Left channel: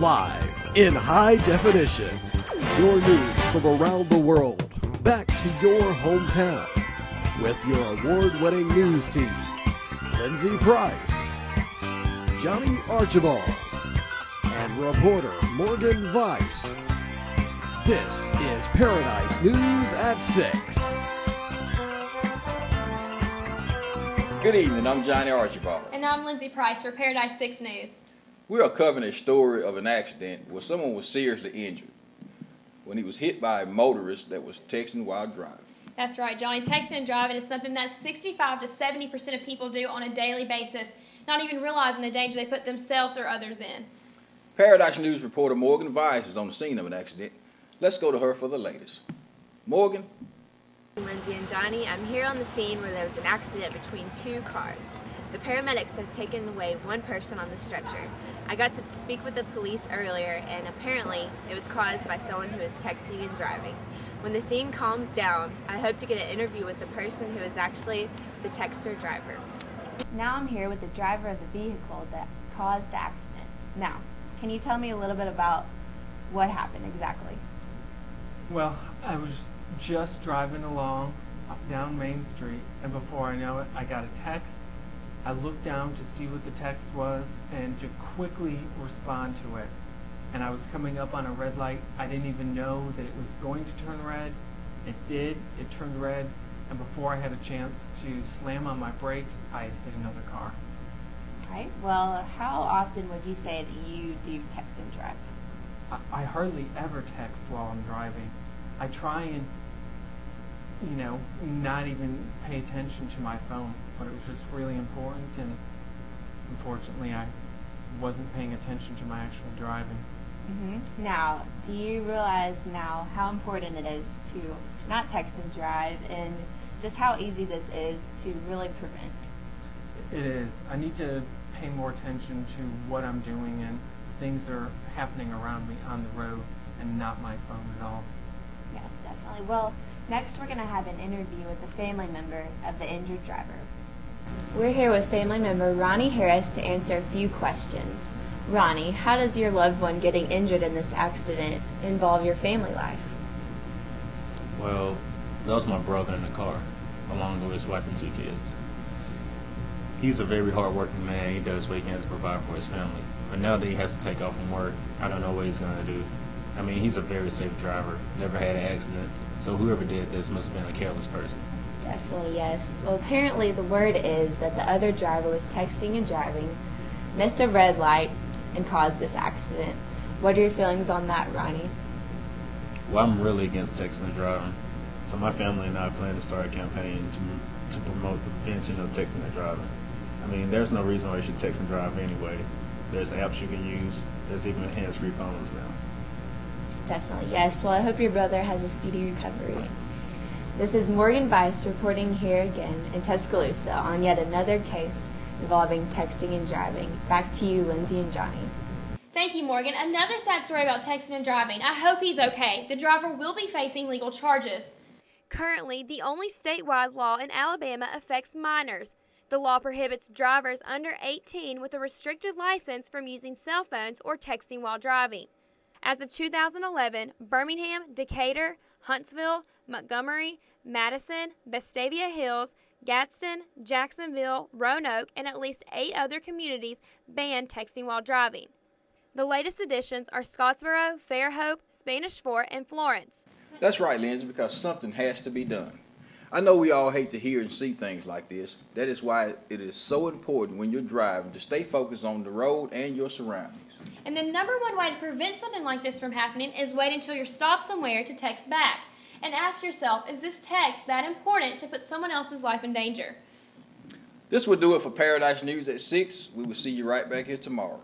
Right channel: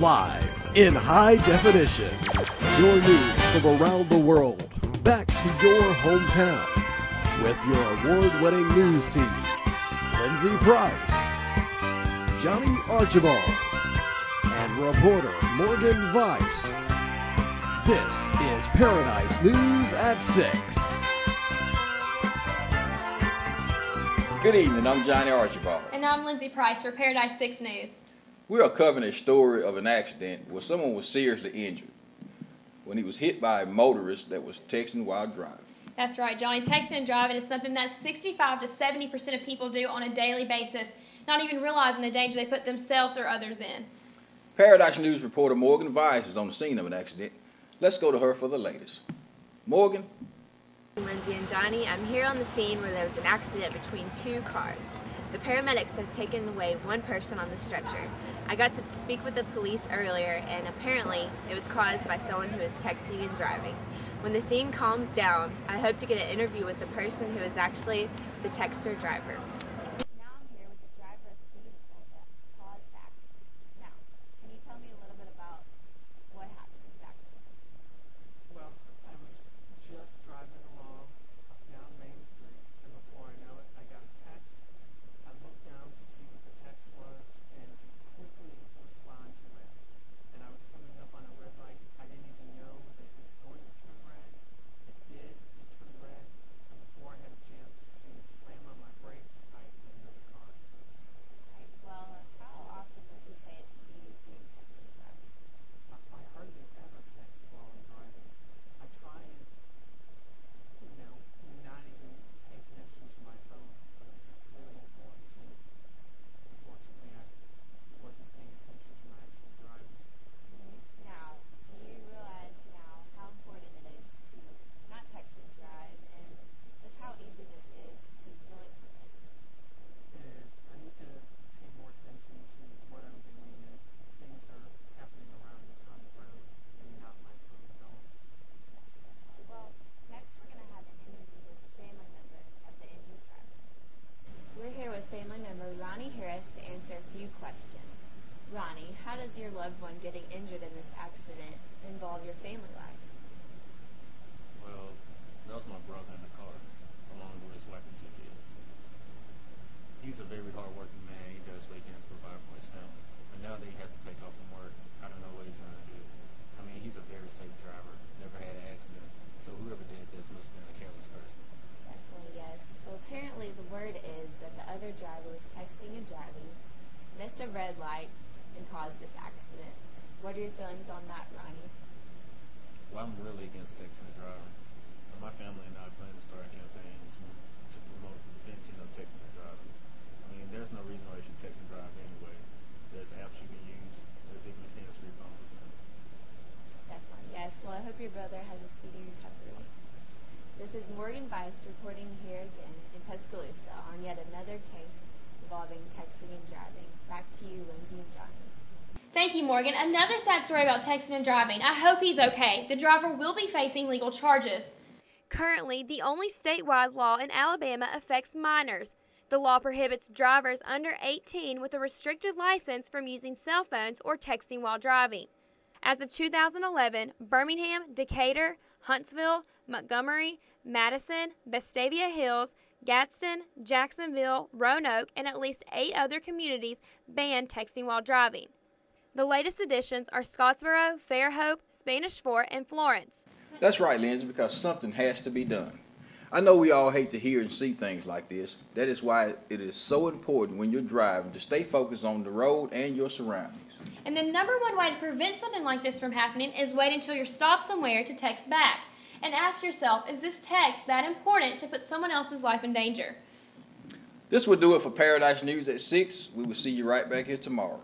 Live in high definition. Your news from around the world. Back to your hometown. With your award-winning news team. Lindsay Price, Johnny Archibald, and reporter Morgan Weiss. This is Paradise News at 6. Good evening, I'm Johnny Archibald. And I'm Lindsay Price for Paradise 6 News. We are covering a story of an accident where someone was seriously injured when he was hit by a motorist that was texting while driving. That's right, Johnny. Texting and driving is something that 65 to 70% of people do on a daily basis, not even realizing the danger they put themselves or others in. Paradise News reporter Morgan Weiss is on the scene of an accident. Let's go to her for the latest. Morgan? Lindsay and Johnny, I'm here on the scene where there was an accident between two cars. The paramedics has taken away one person on the stretcher. I got to speak with the police earlier, and apparently it was caused by someone who is texting and driving. When the scene calms down, I hope to get an interview with the person who is actually the texter driver. Now I'm here with the driver of the vehicle that caused the accident. Now, can you tell me a little bit about what happened exactly? Well, I was just driving along down Main Street, and before I know it, I got a text. I looked down to see what the text was and to quickly respond to it. And I was coming up on a red light. I didn't even know that it was going to turn red. It did. It turned red. And before I had a chance to slam on my brakes, I had hit another car. Right. Well, how often would you say that you do text and drive? I hardly ever text while I'm driving. I try and, not even pay attention to my phone, but it was just really important, and unfortunately I wasn't paying attention to my actual driving. Now, do you realize now how important it is to not text and drive, and just how easy this is to really prevent? It is. I need to pay more attention to what I'm doing and things that are happening around me on the road, and not my phone at all. Yes, definitely. Well, next we're going to have an interview with a family member of the injured driver. We're here with family member Ronnie Harris to answer a few questions. Ronnie, how does your loved one getting injured in this accident involve your family life? Well, that was my brother in the car, along with his wife and 2 kids. He's a very hard-working man. He does what he can to provide for his family. But now that he has to take off from work, I don't know what he's going to do. I mean, he's a very safe driver, never had an accident, so whoever did this must have been a careless person. Definitely, yes. Well, apparently the word is that the other driver was texting and driving, missed a red light, and caused this accident. What are your feelings on that, Ronnie? Well, I'm really against texting and driving, so my family and I plan to start a campaign to promote the prevention of texting and driving. I mean, there's no reason why you should text and drive anyway. There's apps you can use. There's even hands-free phones now. Definitely, yes. Well, I hope your brother has a speedy recovery. This is Morgan Weiss reporting here again in Tuscaloosa on yet another case involving texting and driving. Back to you, Lindsay and Johnny. Thank you, Morgan. Another sad story about texting and driving. I hope he's okay. The driver will be facing legal charges. Currently, the only statewide law in Alabama affects minors. The law prohibits drivers under 18 with a restricted license from using cell phones or texting while driving. As of 2011, Birmingham, Decatur, Huntsville, Montgomery, Madison, Vestavia Hills, Gadsden, Jacksonville, Roanoke, and at least 8 other communities banned texting while driving. The latest additions are Scottsboro, Fairhope, Spanish Fort, and Florence. That's right, Lindsay, because something has to be done. I know we all hate to hear and see things like this. That is why it is so important when you're driving to stay focused on the road and your surroundings. And the #1 way to prevent something like this from happening is wait until you're stopped somewhere to text back. And ask yourself, is this text that important to put someone else's life in danger? This will do it for Paradise News at 6. We will see you right back here tomorrow.